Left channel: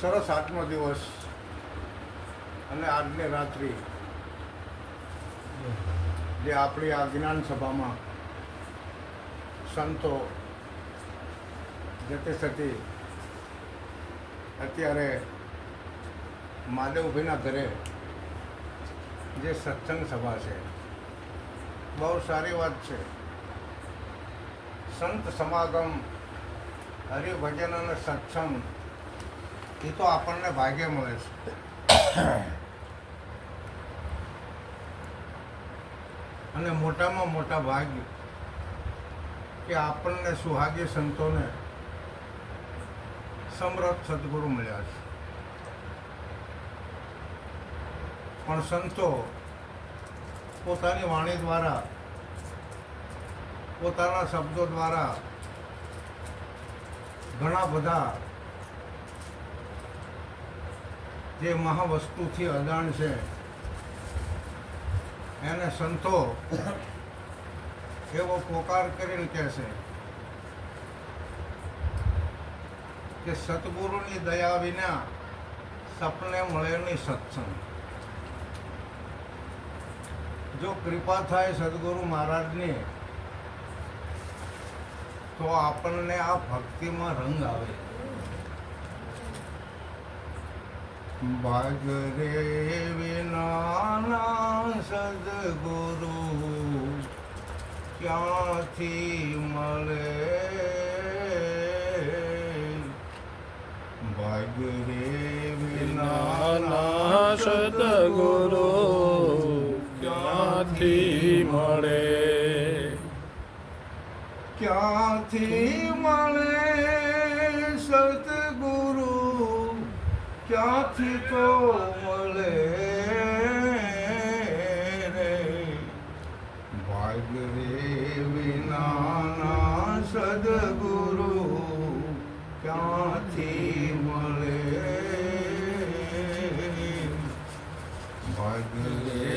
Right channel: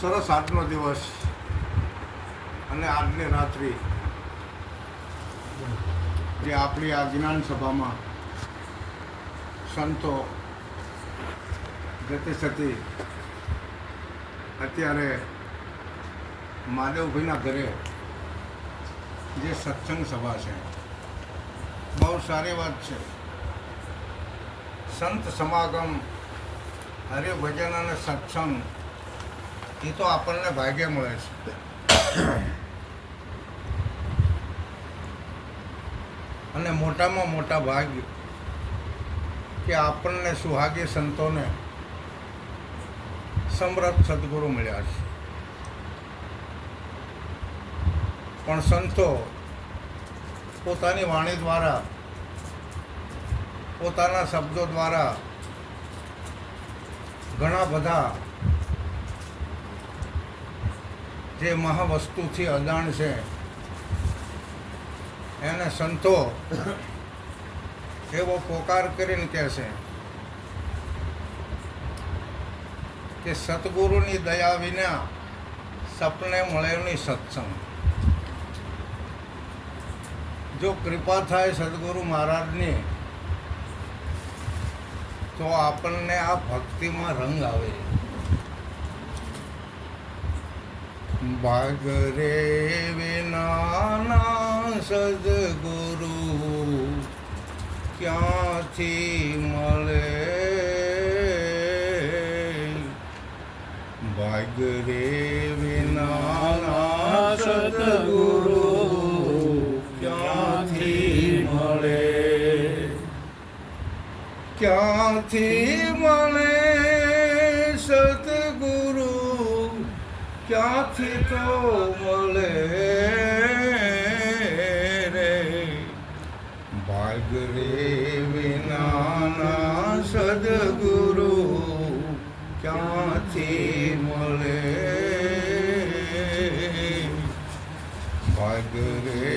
સરસ આજનો દિવસ અને આજની રાત્રિ જે આપણી આ જ્ઞાન સભામાં સંતો જતે સતી અત્યારે મહાદેવભાઈના ઘરે જે સત્સંગ સભા છે, બહુ સારી વાત છે. સંત સમાગમ, હરિભજન અને સત્સંગ એ તો આપણને ભાગ્ય મળે છે. અને મોટામાં મોટા ભાગ્ય કે આપણને સુહાગી સંતોને સમર્થ સદગુરુ મળ્યા છે. પણ સંતો પોતાની વાણી દ્વારા, પોતાના શબ્દો દ્વારા ઘણા બધા જે મહાવસ્તુથી અજાણ છે એને સંતો એવો પોકાર કરીને કહે છે કે સતગુરુની દયા વિના સપને મળે નહીં સત્સંગ. જો કૃપા થાય સદગુરુ મહારાજની તો આપણને આ ભક્તિમાં રંગ આવે. ભાગ રે વિના સદગુરુ ક્યાંથી મળે, ભાગ રે વિના સદગુરુ ક્યાંથી મળે, ક્યાંથી મળે સદગુરુ, ક્યાંથી તો મળે રે. ભાગ રે વિના સદગુરુ ક્યાંથી મળે, ભાગ રે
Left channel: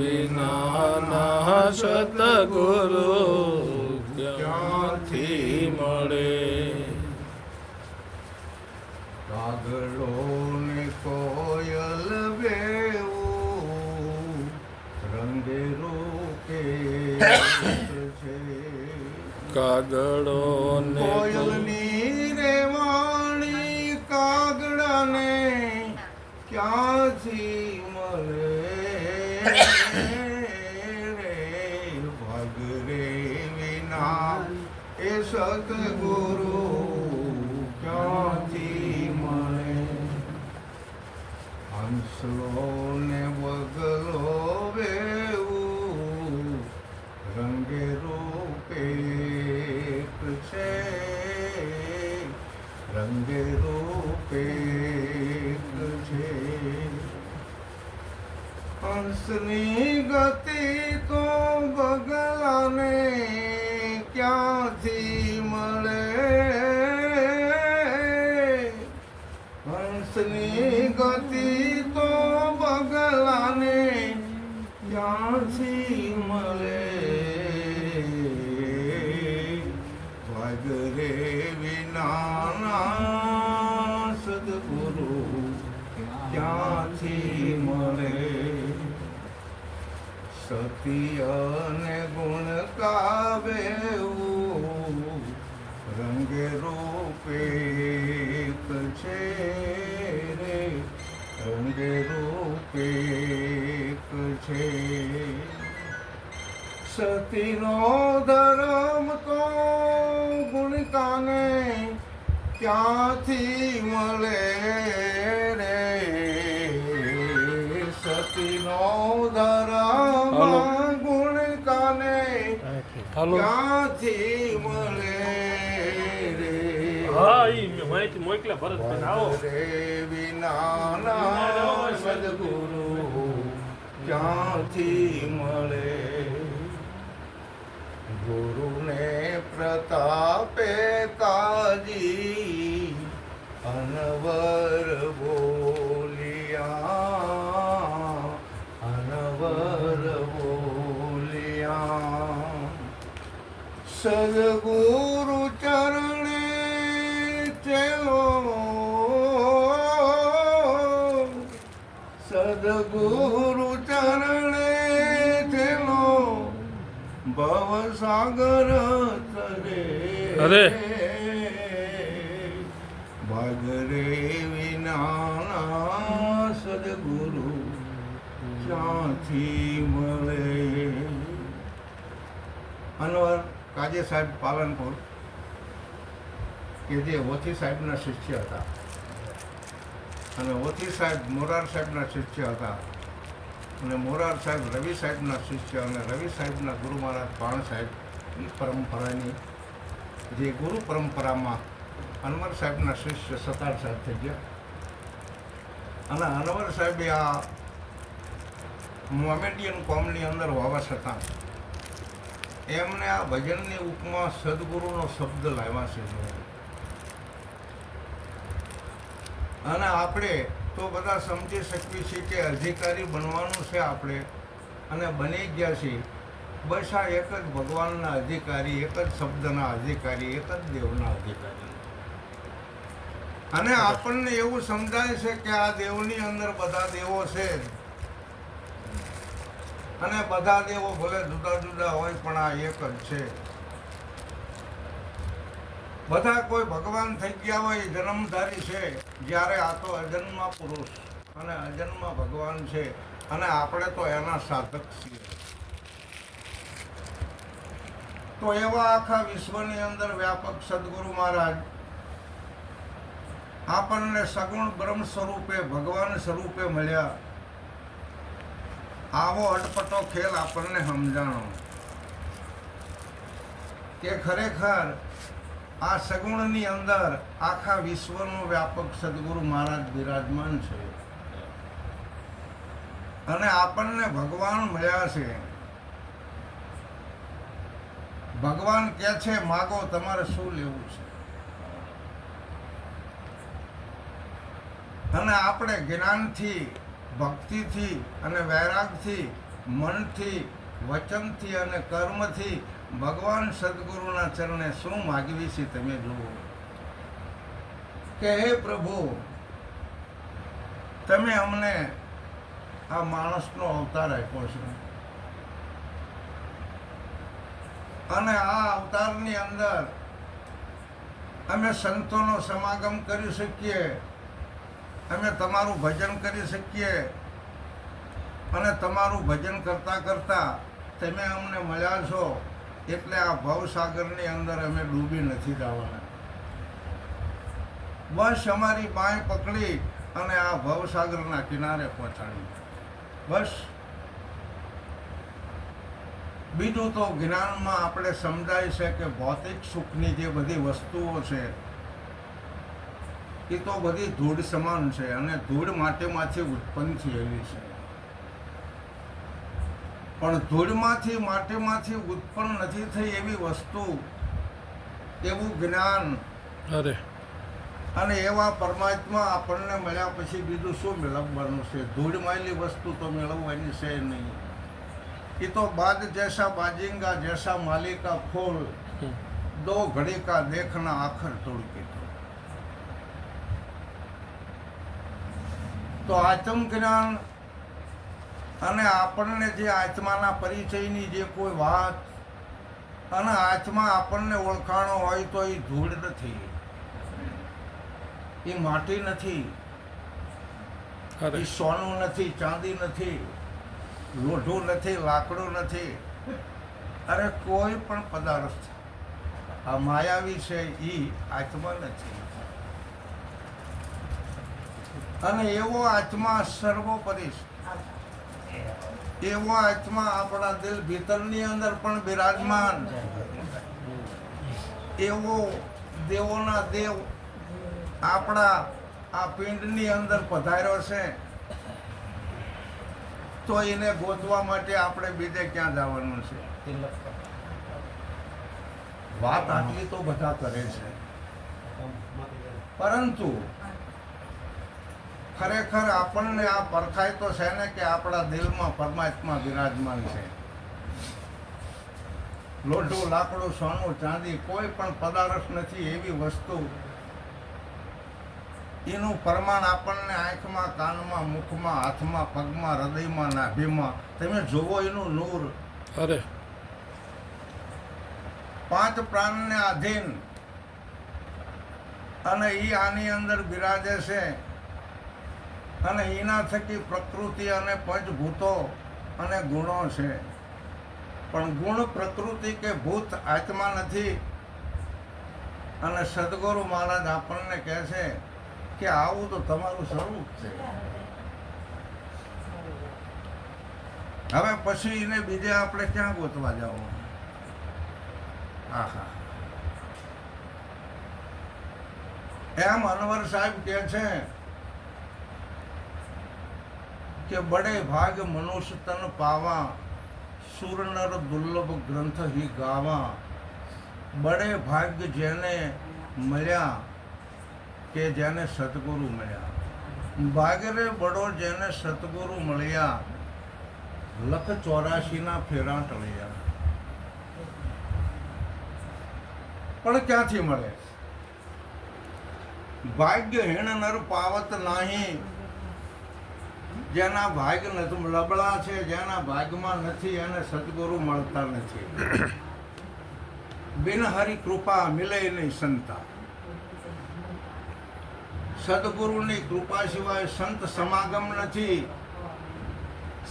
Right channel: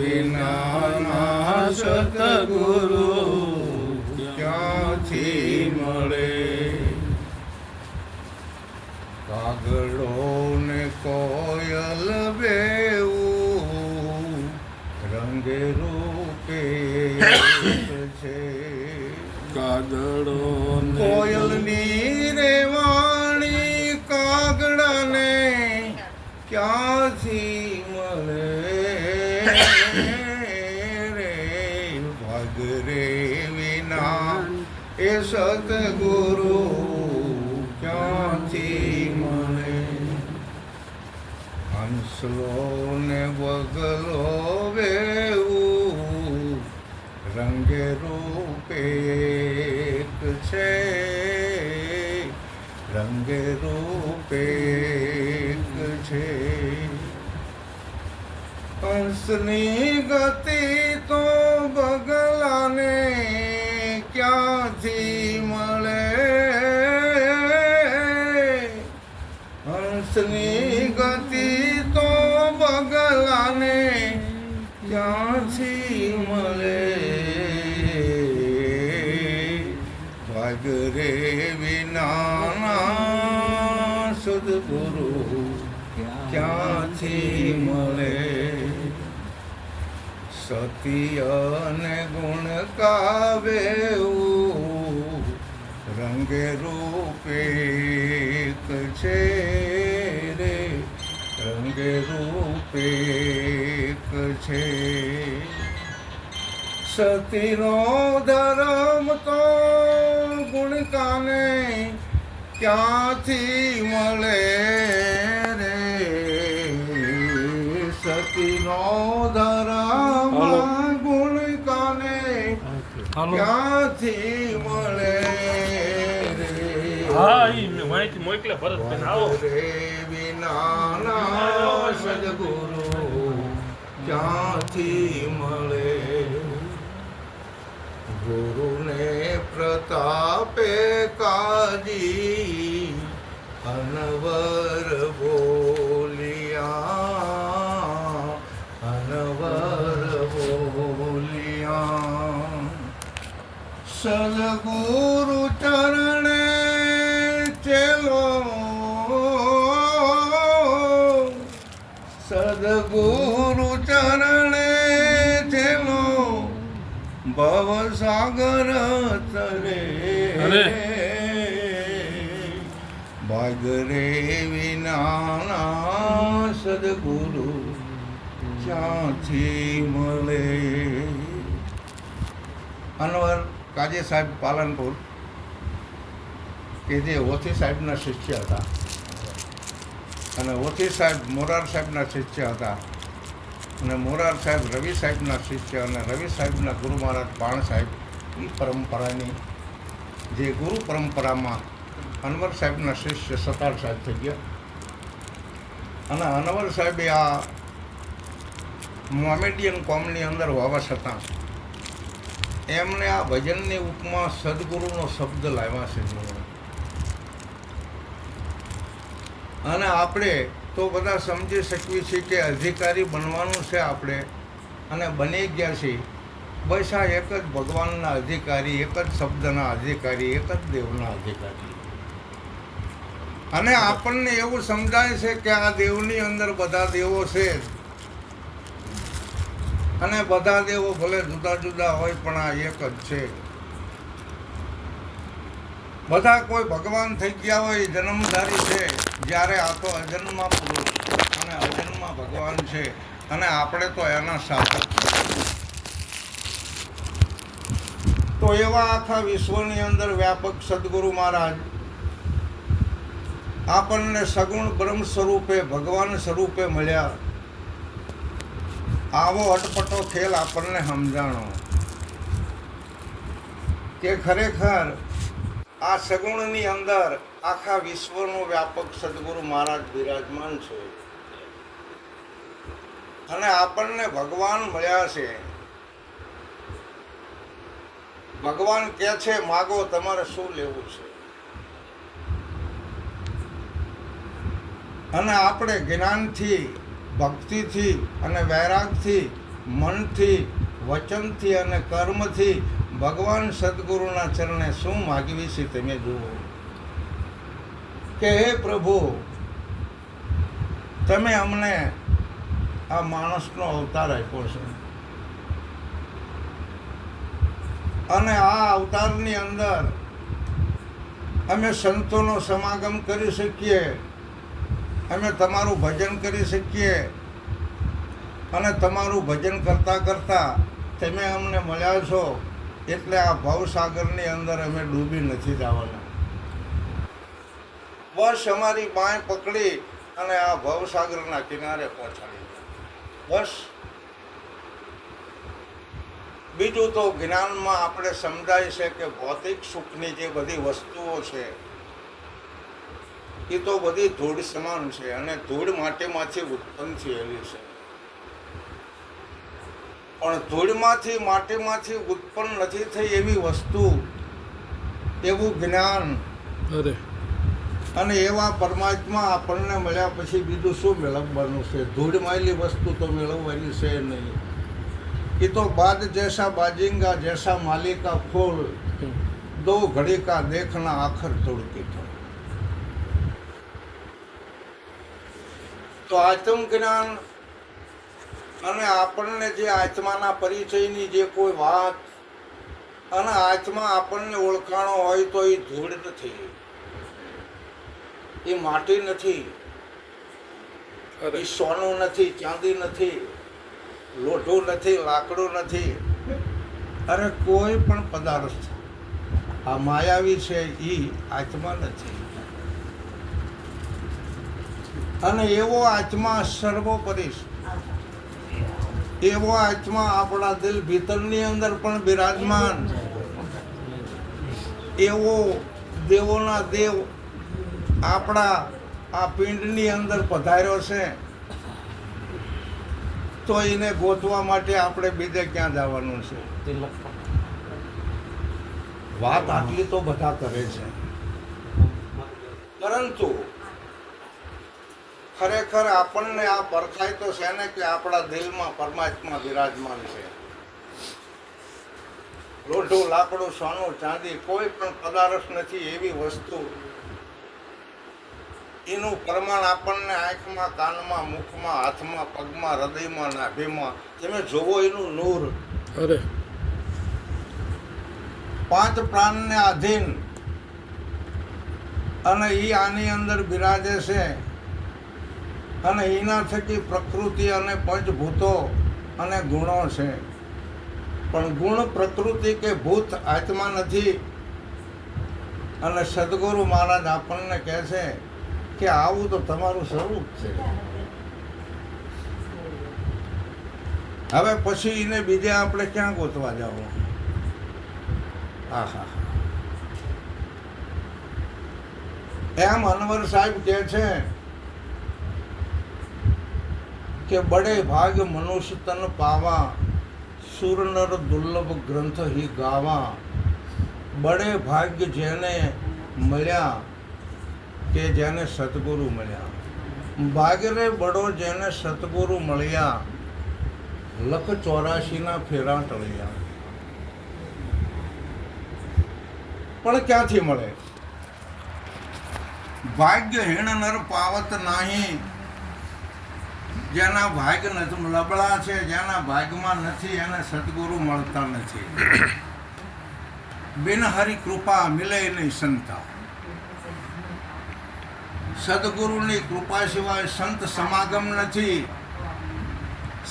વિના સદગુરુ ક્યાંથી મળે. કાગડો ને કોયલ બેવું રંગે રૂપે છે, કાગડો કોયલની રે વાણી કાગડાને ક્યાંથી મળે રે. ભાગ રે વિના એ સતગુરુ ક્યાંથી મળે. હંસલો ને વગલો બેવું રંગે રૂપે એક છે, રંગે રૂપે એક છે. હંસની ગતિ તો બગલાને ક્યાંથી મળે, હંસની ગતિ તો બગલાને ક્યાંથી મળે. ભાગ રે વિના સદગુરુ ક્યાંથી મળે. સત્ય ને ગુણ કાવ્યું રંગે રૂપે એક છે રે, રંગે રૂપે એક છે. સતીનો ધર્મ તો ગુણકાને ક્યાંથી મળે રે. સતીનો ધર્મ ગુણકાને ક્યાંથી મળે રે. હા, ઈ માહિતી મોકલે ભરત કે આવો રે વિના સદગુરુ ક્યાંથી મળે. ગુરુને પ્રતાપે કાજી અનવર બોલિયા, અનવર બોલિયા. સદગુરુ ચરણે ચેલો સદગુરુ ચરણે છેલો ભવ સાગર તરે અરે. ભાગરે વિના સદગુરુ ક્યાંથી મળે. અનવર કાજે સાહેબ પાલનપુર કે જે ઓથી સાહેબના શિષ્ય હતા અને ઓથી સાહેબ મોરાર સાહેબના શિષ્ય હતા અને મોરાર સાહેબ રવિ સાહેબના શિષ્ય અને રવિ સાહેબના ગુરુ મહારાજ પાણ સાહેબ એ પરંપરાની જે ગુરુ પરંપરામાં અનવર સાહેબના શિષ્ય સતાર સાહેબ થઈ ગયા અને અનવર સાહેબે આ મોમેડિયન કોમની અંદર હોવા છતાં એમને આ ભજનની ઉપમા સદગુરુનો શબ્દ લાવ્યા છે. અને આપણે તો બધા સમજી શકીએ છીએ કે અધિકારી બનવાનું છે આપણે અને બની ગયા છીએ. બસ આ એક જ ભગવાનના અધિકારી, એક જ શબ્દના અધિકારી, એક જ દેવના અધિકારી. અને આપણને એવું સમજાય છે કે આ દેવની અંદર બધા દેવો છે અને બધા દેવો ભલે જુદા જુદા હોય પણ આ એક જ છે. બધા કોઈ ભગવાન થઈ ગયા હોય જન્મધારી છે, જ્યારે આ તો અજન્મા પુરુષ અને અજન્મા ભગવાન છે અને આપણે તો એના શાસક છીએ. તો એવા આખા વિશ્વની અંદર વ્યાપક સદગુરુ મહારાજ આપણને સગુણ બ્રહ્મ સ્વરૂપે ભગવાન સ્વરૂપે મળ્યા. આવો અટપટો ખેલ આપણને સમજાણો કે ખરેખર આ સગુણની અંદર આખા વિશ્વનો વ્યાપક સદગુરુ મહારાજ બિરાજમાન છે અને આપણને ભગવાન મળ્યા છે. ભગવાન કહે છે માગો તમારે શું લેવું છે. અને આપણે જ્ઞાનથી, ભક્તિથી અને વૈરાગથી, મનથી, વચનથી અને કર્મથી ભગવાન સદગુરુના ચરણે શું માગવી છે તમે જુઓ કે હે પ્રભુ, તમે અમને આ માણસનો અવતાર આપ્યો છે અને આ અવતારની અંદર અમે સંતોનો સમાગમ કરી શકીએ, અમે તમારું ભજન કરી શકીએ અને તમારું ભજન કરતાં કરતાં તમે અમને મળ્યા છો એટલે આ ભવસાગરની અંદર અમે ડૂબી નથી જવાના. બસ અમારી બાંય પકડી અને આ ભવસાગરના કિનારે પહોંચાડી. બસ બીજું તો જ્ઞાનમાં આપણે સમજાય છે કે ભૌતિક સુખની જે બધી વસ્તુઓ છે એ તો બધી ધૂળ સમાન છે અને ધૂળ માટીમાંથી ઉત્પન્ન થયેલી છે. પણ ધૂળમાંથી માટીમાંથી ઉત્પન્ન નથી થઈ એવી વસ્તુ, એવું જ્ઞાન અને એવા પરમાત્મા આપણને મળ્યા પછી બીજું શું મેળવવાનું છે? ધૂળ માયેલી વસ્તુ તો મેળવવાની છે નહીં. એ તો બાદ જૈસા બાજિંગા જૈસા માલિકા ફૂલ દો ઘડી કા દેખના આખર તોડકી થો. તો આત્મ જ્ઞાન અને આપણને જે આત્માના પરિચયની જે કોઈ વાત અને આત્મા આપણને ઓળખાણો હોય તો એ ધૂળ નથી, એ માટી નથી, એ સોનું નથી, ચાંદી નથી, લોઢું નથી, લાકડું નથી, અરે કોઈ પણ પદાર્થ આ માયાવી છે એ આત્મા નથી. અને એવો આત્મા સર્વોપરી છે. એવો આત્મા આપણા દિલ ભીતરની અંદર પણ બિરાજમાન, એવો દેવોના દેવ આપણા આ પિંડની અંદર પધાર્યો છે. તો એને ગોતવા માટે આપણે બીજે ક્યાં જવાનું છે? વાત આટલી તો બધા કરે છે, પરંતુ ખરેખર આપણને આ પરખાય તો છે ને કે આપણા દિલમાં પરમાત્મા બિરાજમાન છે. લોઢું, લાકડું, સોનું, ચાંદી કોઈ પણ પદાર્થ નથી એવી વસ્તુ એનું પ્રમાણ આપણને આંખમાં, કાનમાં, મુખમાં, હાથમાં, પગમાં, હૃદયમાં, નાભીમાં તમે જોવો એનું નૂર. અરે 5 પ્રાણને આધીન અને એ આની અંદર બિરાજે છે અને એના થકી પ્રકૃતિ અને પંચભૂતો અને ગુણો છે. પણ ગુણ, પ્રકૃતિ કે ભૂત આત્મા નથી. અને સદગુરુ મહારાજ આપણને કહે છે કે આવું તો તમારું સ્વરૂપ છે. હવે પછી એને બીજે આપણે ક્યાં ગોતવા જવું? આહા. એમ અનવર સાહેબ કહે છે કે બડે ભાગ મનુષ્ય તન પાવા, સુર નર દુર્લભ ગ્રંથ હી ગાવા. બડે ભાગ્ય જેને મળ્યા કે જેને સતગુરુ મળ્યા. ભાગ્ય રે બડો જેને સતગુરુ મળ્યા, 184 ફેરા ટળ્યા. પણ ક્યાંથી મળે? ભાગ્ય હીણ નર પાવત નહીં. જેના ભાગ્ય નથી, લબડા છે, જેના ભાગ્યમાં નથી એને સદગુરુ મળતા નથી. બિન હરી કૃપા મિલે નહીં સંતા. સદગુરુની કૃપા સિવાય સંત સમાગમ નથી,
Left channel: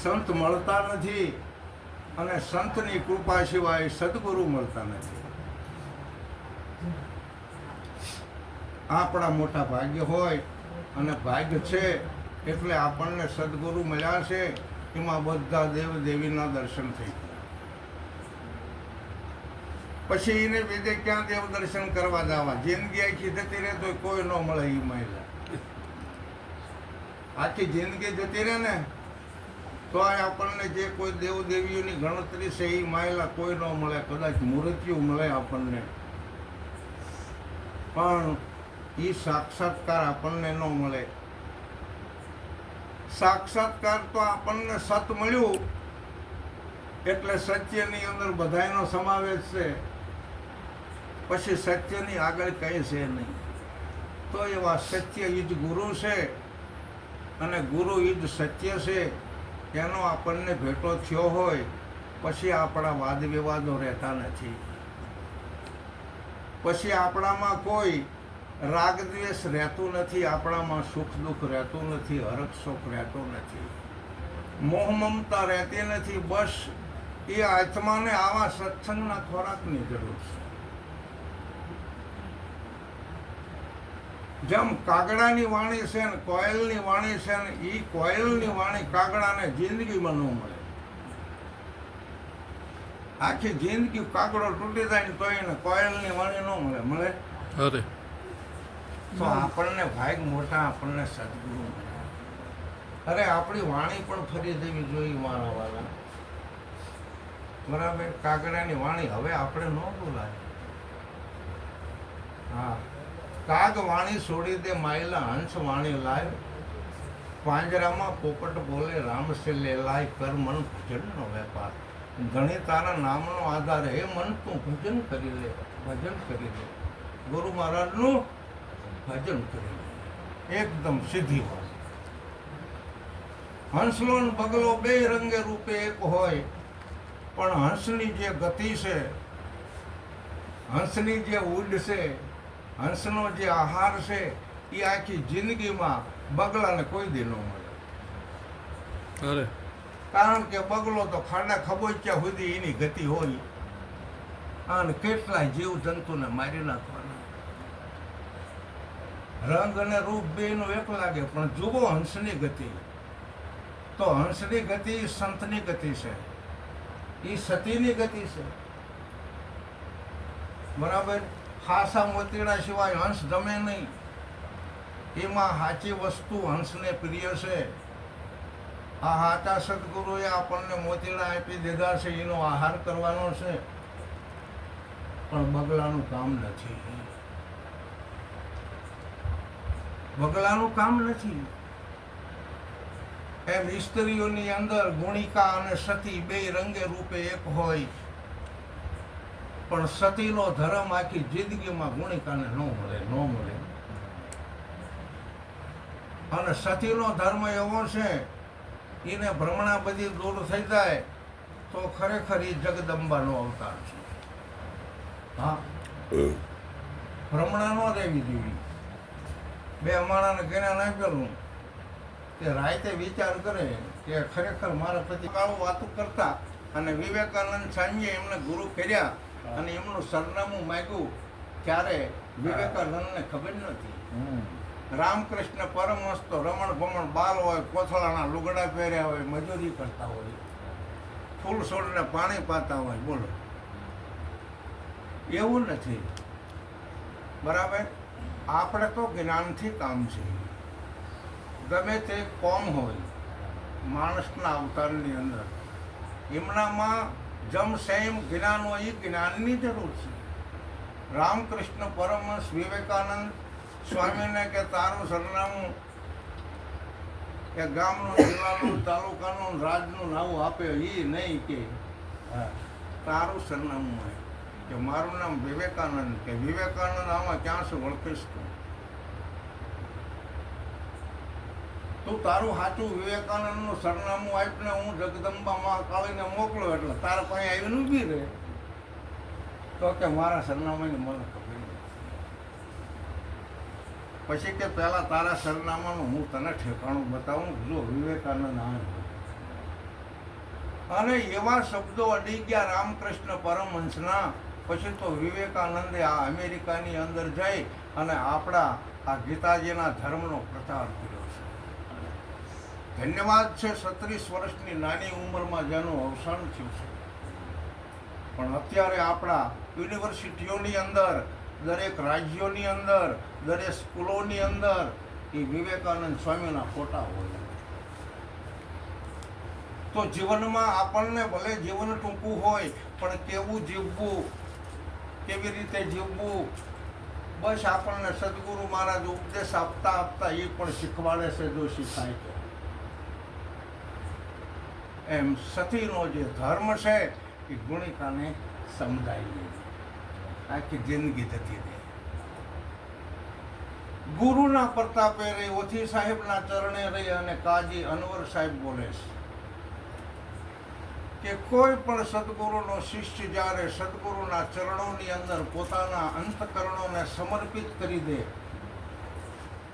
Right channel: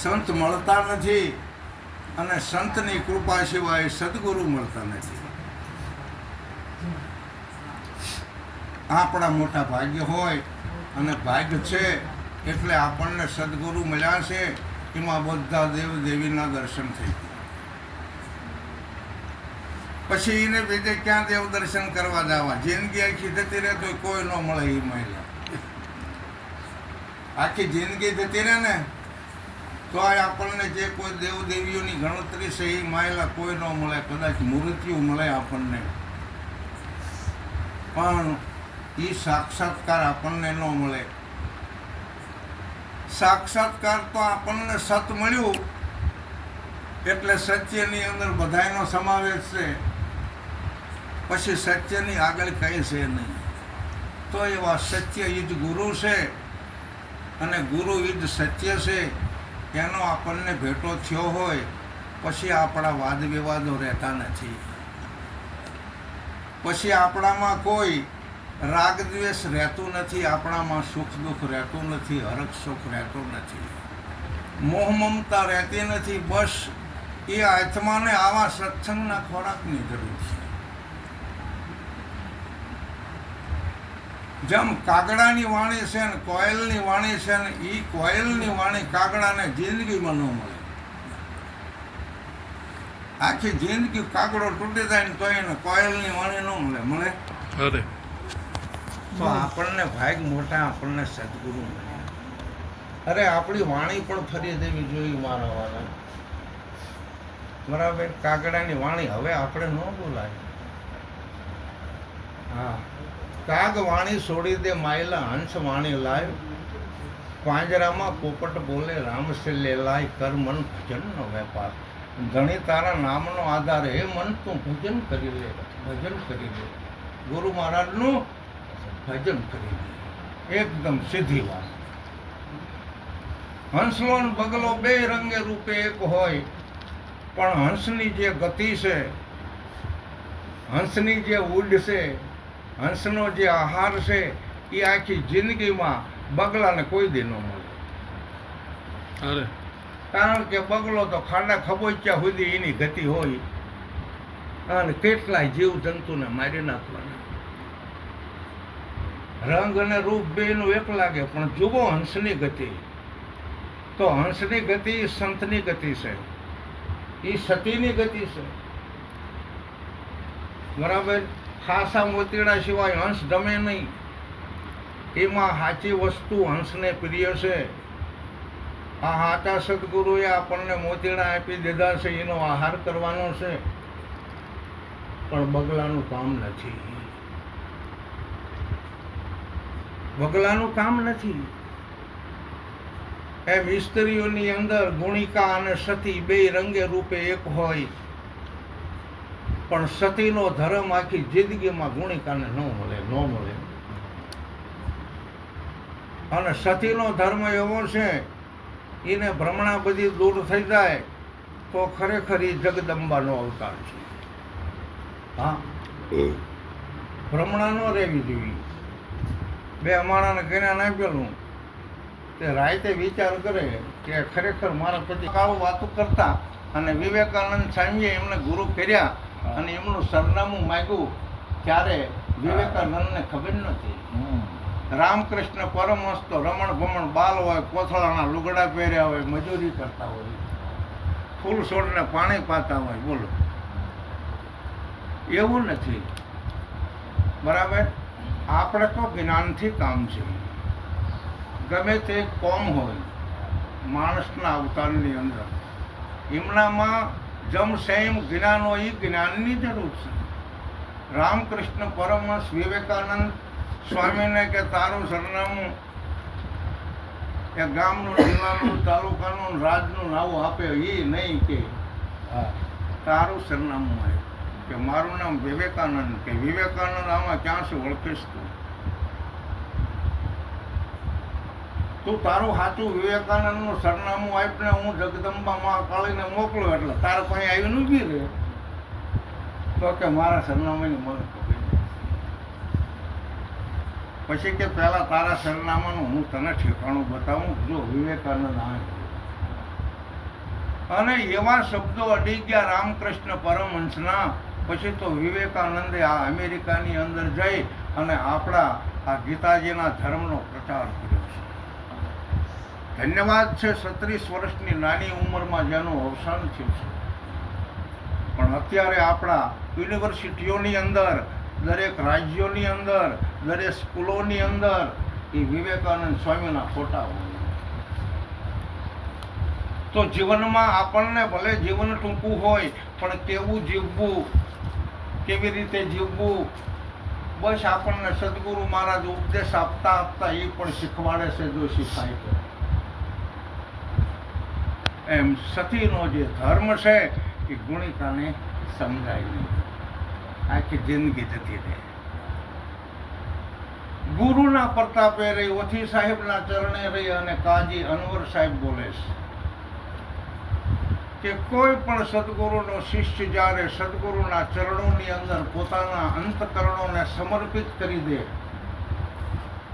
સંત મળતા નથી, અને સંતની કૃપા સિવાય સદગુરુ મળતા નથી. આપણા મોટા ભાગ્ય હોય અને ભાગ્ય છે એટલે આપણને સદગુરુ મળ્યા છે. એમાં બધા દેવ દેવીના દર્શન થઈ ગયા. પછી એને બીજે ક્યાં દેવ દર્શન કરવા જવા? જિંદગી આખી જતી રહે તો કોઈ ન મળે. એ મહિલા આખી જિંદગી જતી રહે ને તો આપણને જે કોઈ દેવ દેવીઓની ગણતરી છે એ મહિલા કોઈ ન મળે. કદાચ મૂર્તિઓ મળે આપણને, પણ એ સાક્ષાત્કાર આપણને ન મળે. સાક્ષાત્કાર તો આપણને સત મળ્યું એટલે સત્યની અંદર બધાયનો સમાવેશ છે. પછી સત્યની આગળ કંઈ છે નહીં. તો એવા સત્ય ઈ જ ગુરુ છે અને ગુરુ ઈ જ સત્ય છે. એનો આપણને ભેટો થયો હોય પછી આપણા વાદ વિવાદો રહેતા નથી. પછી આપણામાં કોઈ રાગ દ્વેષ રહેતું નથી. આપણામાં સુખ દુઃખ રહેતું નથી. હરખ સુખ રહેતું નથી. મોહ મમતા રહેતી નથી. બસ એ આત્માને આવા સત્સંગના ખોરાકની જરૂર છે. જેમ કાગડાની વાણી છે ને કોયલની વાણી છે ને, એ કોયલની વાણી કાગડાને જિંદગીમાં ન મળે. આખી જિંદગી કાગડો તૂટી જાય ને તો એને કોયલની વાણી ન મળે. મળે? અરે તો આપણને ભાગ મોટા, આપણને સદગુરુ મળ્યા. અરે આપણી વાણી પણ ફરી દેવી જોઈએ મારા વાલા. બરાબર? કાગડાની વાણી હવે આપણે ન બોલાય. હા, કાગ વાણી છોડી દે માયલા, હંસ વાણી લાય. પાંજરામાં પોપટ બોલે, રામ સે લે લાય. કર મન ભજનનો વેપાર. ધણી તારા નામનો આધાર, હે મન તું ભજન કરી લે, ભજન કરી લે. ગુરુ મહારાજનું ભજન કરી લે. એકદમ સીધી વાત. હંસલો ને બગલો બે રંગે રૂપે એક હોય, પણ હંસની જે ગતિ છે, હંસની જે ઉડ છે, હંસનો જે આહાર છે, એ આખી જિંદગીમાં બગલાને કોઈ દી ન મળે. અરે કારણ કે બગલો તો ખાડા ખબોચ્યા સુધી એની ગતિ હોય અને કેટલાય જીવ જંતુને મારી નાખવાના. રંગ અને રૂપ બેનું એક લાગે, પણ જુઓ હંસની ગતિ. તો હંસની ગતિ સંતની ગતિ છે, એ સતીની ગતિ છે. બરાબર? ખાસા મોતીડા સિવાય હંસ જમે નહીં. એમાં સાચી વસ્તુ હંસને પ્રિય છે. આ સાચા સદગુરુએ આપણને મોતીડા આપી દીધા છે, એનો આહાર કરવાનો છે. પણ બગલાનું કામ નથી. બગલાનું કામ નથી. એમ સ્ત્રીઓની અંદર ગુણિકા અને સતી બે રંગે રૂપે એક હોય, પણ સતીનો ધર્મ આખી જિંદગીમાં ગુણિકાને ન મળે. અને સતીનો ધર્મ એવો છે એને ભ્રમણા બધી દૂર થઈ જાય તો ખરેખર એ જગદંબાનો અવતાર છે. હા, ભ્રમણા ન રહેવી જોઈએ. બે અમારાને જ્ઞાન આપેલું તે રાતે વિચાર કરે કે ખરેખર મારા પતિ આવું વાતું કરતા અને વિવેકાનંદ સ્વામીએ એમને ગુરુ કર્યા અને એમનું સરનામું માગ્યું ત્યારે વિવેકાનંદને ખબર નથી. રામકૃષ્ણ પરમહંસ તો રમણ ભમણ બાલ હોય, કોથળાના લુગડા પહેર્યા હોય, મજૂરી કરતા હોય, ફૂલ છોડને પાણી પાતા હોય. બોલો, એવું નથી. બરાબર, આપણે તો જ્ઞાનથી કામ છે. ગમે તે કોમ હોય માણસના અવતારની અંદર એમનામાં જમ સંયમ જ્ઞાન હોય, એ જ્ઞાનની જરૂર છે. રામકૃષ્ણ પરમહંસ વિવેકાનંદ સ્વામીને કે તારું સરનામું એ ગામનું, જિલ્લાનું, તાલુકાનું, રાજનું નાવું આપે એ નહીં કે તારું સરનામું હોય કે મારું નામ વિવેકાનંદ, કે વિવેકાનંદ આમાં ક્યાં છે ઓળખીશ તું તારું સાચું વિવેકાનંદનું સરનામું આપીને હું જગદંબા મહાકાળીને મોકલું એટલે તારા પાસે આવીને ઊભી રહે તો કે મારા સરનામાની મને ખબર નથી. પછી કે પહેલાં તારા સરનામાનું હું તને ઠેકાણું બતાવું, જો વિવેકાનંદ આ. અને એવા શબ્દો અડી ગયા રામકૃષ્ણ પરમહંસના. પછી તો વિવેકાનંદે આ અમેરિકાની અંદર જઈ અને આપણા આ ગીતાજીના ધર્મનો પ્રચાર કર્યો છે. ધન્યવાદ છે 36 વર્ષની નાની ઉંમરમાં જેનું અવસાન થયું છે. પણ અત્યારે આપણા યુનિવર્સિટીઓની અંદર, દરેક રાજ્યોની અંદર, દરેક સ્કૂલોની અંદર એ વિવેકાનંદ સ્વામીના ફોટા હોય. તો જીવનમાં આપણને ભલે જીવન ટૂંકું હોય પણ કેવું જીવવું, કેવી રીતે જીવવું, બસ આપણને સદગુરુ મહારાજ ઉપદેશ આપતા આપતા એ પણ શીખવાડે છે, જો શીખાય તો. એમ સતીનો જે ધર્મ છે એ ગુણિકાને સમજાય નહીં, આખી જિંદગી જતી રહે. ગુરુના પ્રતાપે રહી, ઓથી સાહેબના ચરણે રહી. અને કાજી અનવર સાહેબ બોલે છે કે કોઈ પણ સદગુરુનો શિષ્ય જ્યારે સદગુરુના ચરણોની અંદર પોતાના અંતકરણોને સમર્પિત કરી દે,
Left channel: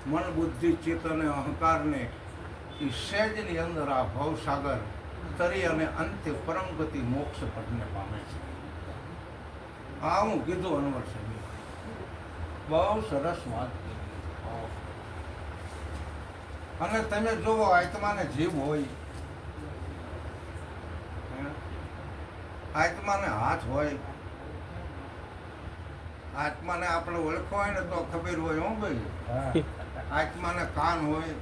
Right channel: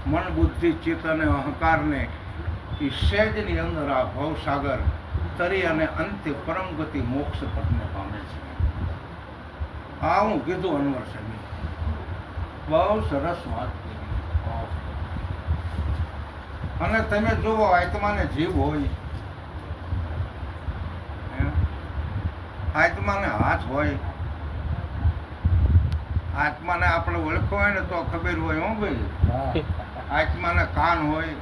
મન, બુદ્ધિ, ચિત્ત અને અહંકારને, એ સહેજની અંદર આ ભવસાગર તરી અને અંતે પરમ ગતિ મોક્ષ પદને પામે છે. આ હું કીધું અનવર સાહેબ, બહુ સરસ વાત. અને તમે જુઓ, આત્માને જીવ હોય, આત્માને હાથ હોય, આત્માને આપણે ઓળખવો હોય ને તો ખબર હોય. હું ભાઈ, આત્માને કાન હોય,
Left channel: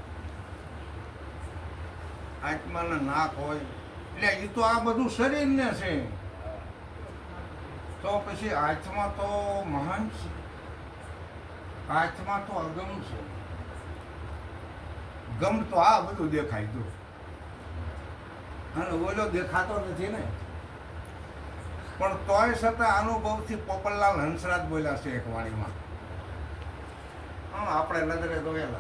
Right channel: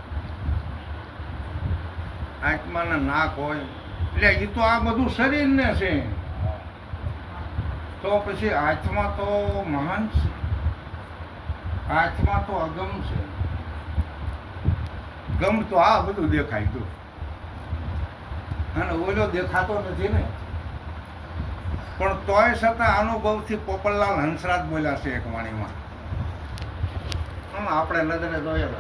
આત્માને નાક હોય, એટલે એ તો આ બધું શરીરને છે. તો પછી આત્મા તો મહાન છે, આત્મા તો અગમ છે. ગમ તો આ બધું દેખાય તું, અને ઓલો દેખાતો નથી ને. પણ તોય છતાં અનુભવથી પોપટલાલ હંસરાજ બોલ્યા છે એક વાણીમાં, આપણે નજરે જોયેલા